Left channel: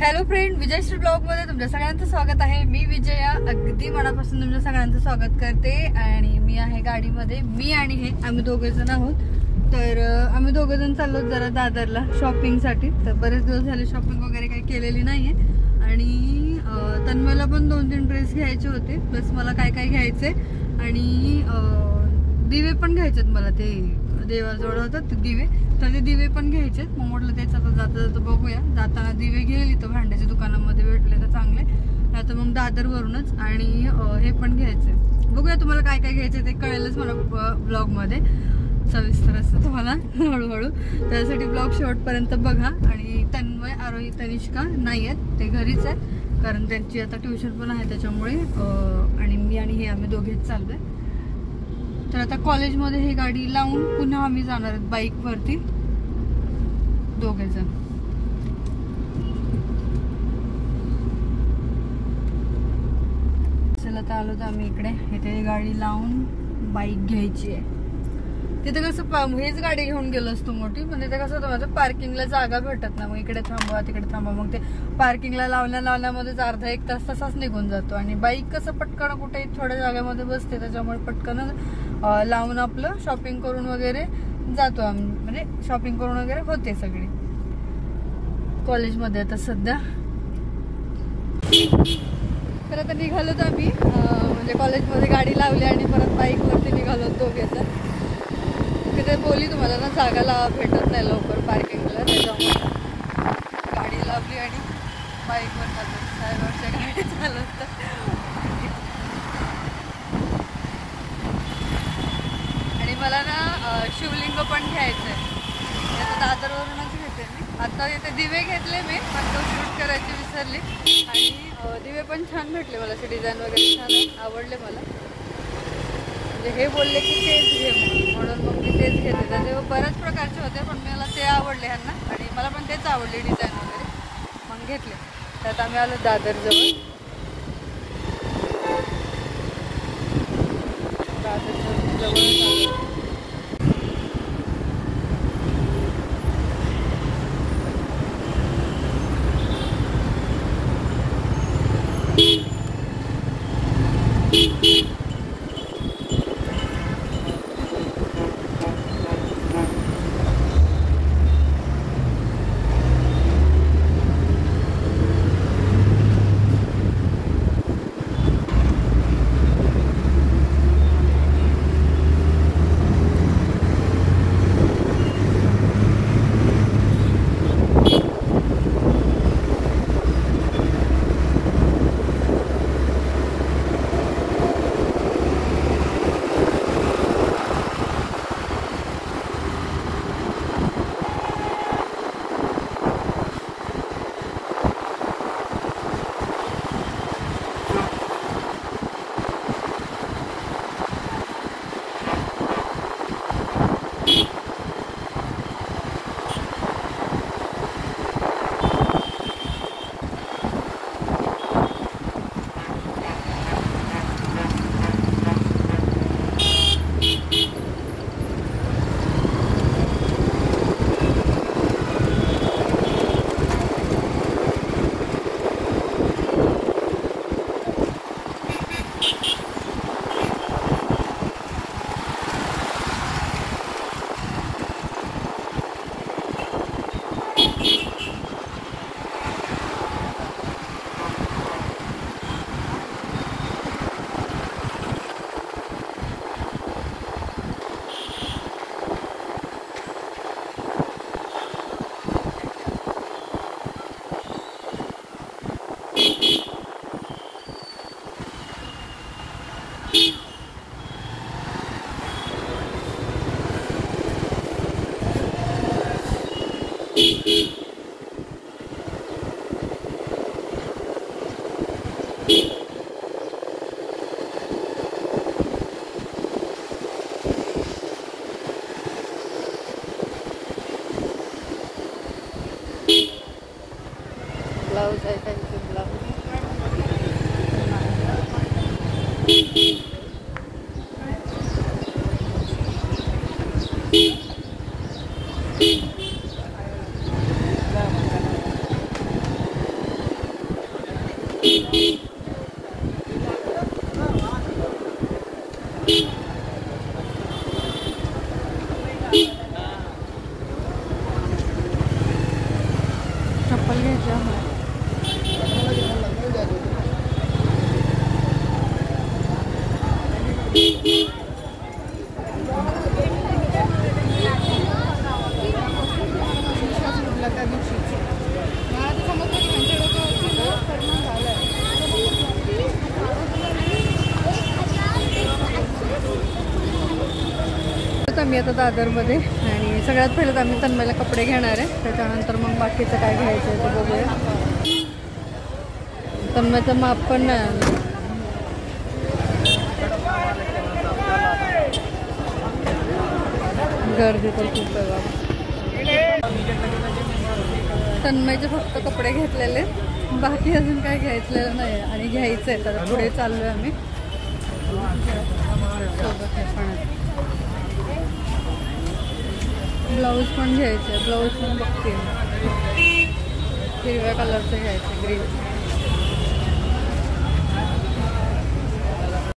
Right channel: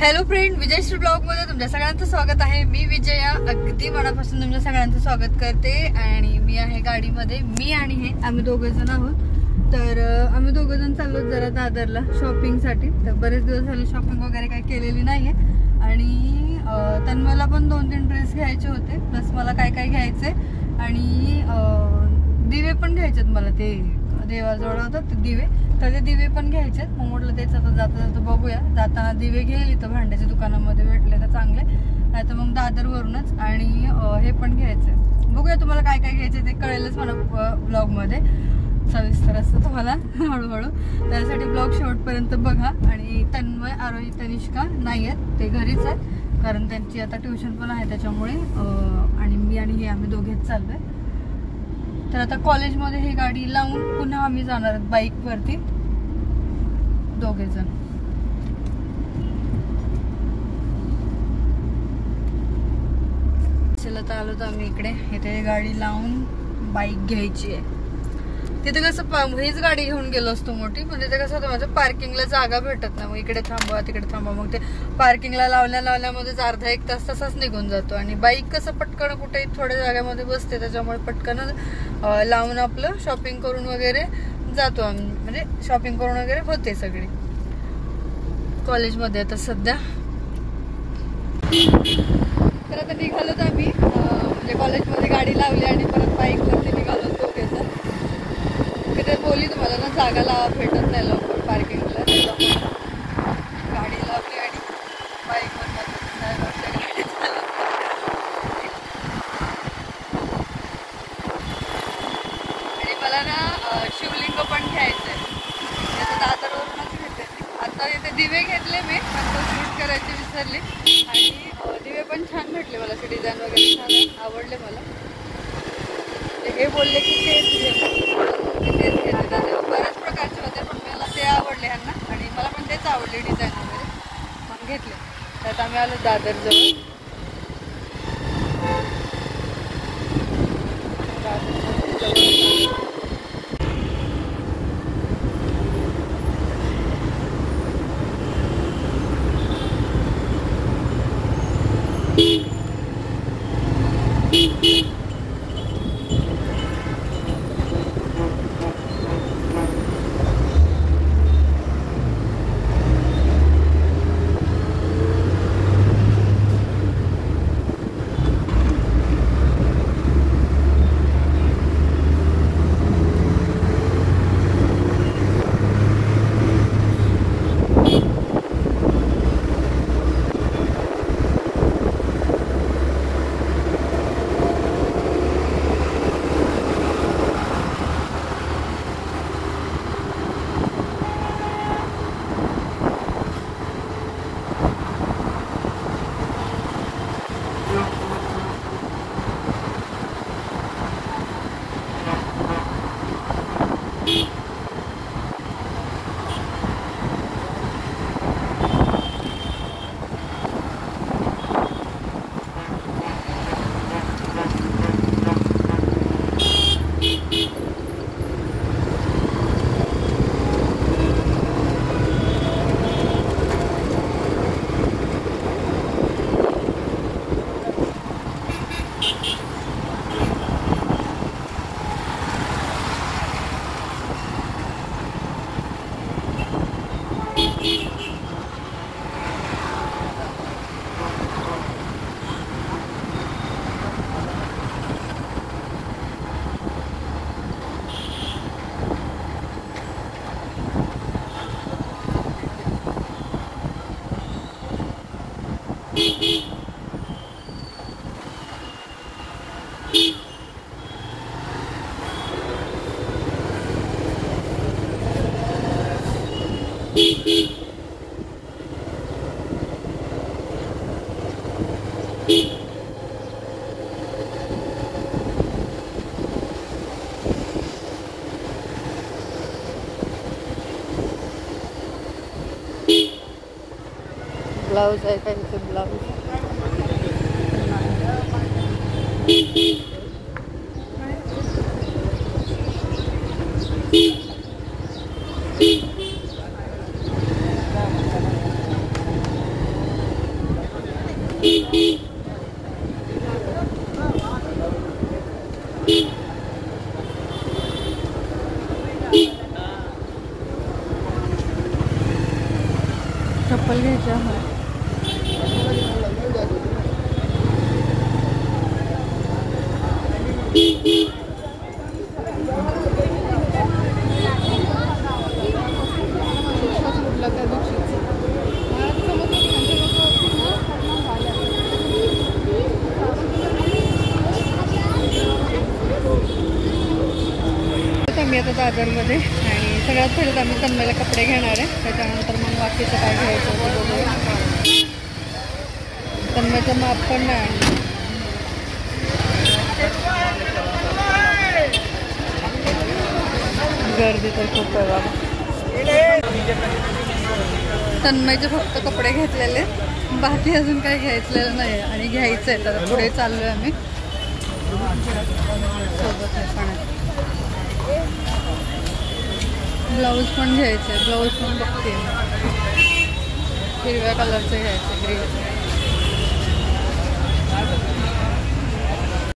Hello friend, विजयश्री blog मध्ये तुमच्या सगळ्यांचं स्वागत आहे। मी विजया अगदी मनापासून तुमच्या सगळ्यांचं स्वागत करते आणि मी आहे गाडीमध्ये। मी आणि हे आम्ही दोघे जण आहोत। तर आम्ही दोघे जण चाललो जरा दादरला शॉपिंग साठी। तर बरेच दिवस झाले शॉपिंग वगैरे काही केलेली नाहीये आणि तन्मयला पण 2-3 ड्रेस घ्यायचे होते, प्लस मला काय काय घ्यायचे आणि दिवे पण घ्यायचेत मला। ते देवाजवळ होतात ते दिवे, तर ते दिवे पण घ्यायचे। मग म्हटलं तेच आता जाता जाता बघूया, जाताना दिवे घेईल इथं भांड्याच्या दुकानामध्ये भेटले तर चांगले, आता मग दादरवरूनच आणि हे पण घ्यायचे। बघूया तुम्हाला काय काय घ्यायचे ते कळेलच मला ब्लॉग मध्ये सविस्तर असतं तुम्हाला हळूहळू। त्यासाठी ब्लॉग शेवटपर्यंत बघा। आणि तन्मय, आरोही, तनिष्का नाही आहेत, ते घरीच आहेत कारण त्यांची आता ट्युशन पण आहे त्याच्यामुळे। आणि मी आणि हे आम्ही दोघेच चाललोय। तर आता कॉलेजमध्ये ही गाडी लावून पुन्हा आम्ही जाणार आहोत बाईक वरती दोघे जण। चला तर आलो तर आम्ही इकडे, इथे गाडी लावून बाईक घ्यायची आहे। तिथे कसं हेच गाडी घेऊन गेलो असतो मोठी, पण तिथे कसं होतं माझं पार्किंगला जागा भेटत ना, मग इकडे थांबवा तिकडे थांबवा, मग ते पार्किंगला लावल्यामध्येच अर्धा-1 तास तसाच निघून जातो। आणि बाईक कसं पटकन कुठे थोड्या जागेमध्ये बसते, त्याच्यामुळे पटकन लावून आपलं शॉपिंग करून वगैरे जातो आम्ही, म्हणजे शॉपिंग करून वगैरे होते सगळी कॉलेजमध्ये आता सध्या। तर आता निघालो तर आम्ही म्हणजे कॉलेजमध्ये गाडी लावली आणि परत बाईकवरती निघालो दोघे। तिथे बोली तुम्हाला ना जागाला भेटत नाही लवकर पार्किंगला, त्याच्यामुळे गाडी लावली आणि बाईकवर आणि मला ना शिवलिंग पण घ्यायचंय, दादरवरूनच घेते। आता इथे दिवे घेतले मी, पण तो शूट करायची विसरली। आणि दिवे पण छान भेटले मला, असे डिझाईन वगैरे छान आवडले मला। हे बोलले की तेच घे, तेच घेते। त्याचे बऱ्याच प्रकारचे होते पण मला ते आवडले ह्यांना, आणि मला पण तेच आवडले डिझाईन वगैरे, मग घेतले। त्यात आम्ही आलो दादरजवळ। ब्लाउज आहे का इथे ब्लाउज चप्पल घ्यायची आम्हाला. आम्ही आता दादरमध्ये आणि सगळ्यात पहिलं तर आम्ही तन्मयला कपडे घेणार आहे. त्याच्यानंतर मग बाकीचं काय घ्यायचं ते बघूया. तन्मयचं माप पण नाही आणलं. गर्दी तर खूप आहे बाबा. तन्मयचे फक्त कपडे घेतलेले, बाकी अजून काही घ्यायचलेलं नाही आहे आणि घ्यायचं आहे. तर पुढे चाललो आहे आम्ही सोबत आहे पण. ब्लाऊज पण घ्यायचं आहे. ब्लाऊज पण बघते हिरव्या कलरचं घ्यायचं, ग्रीन.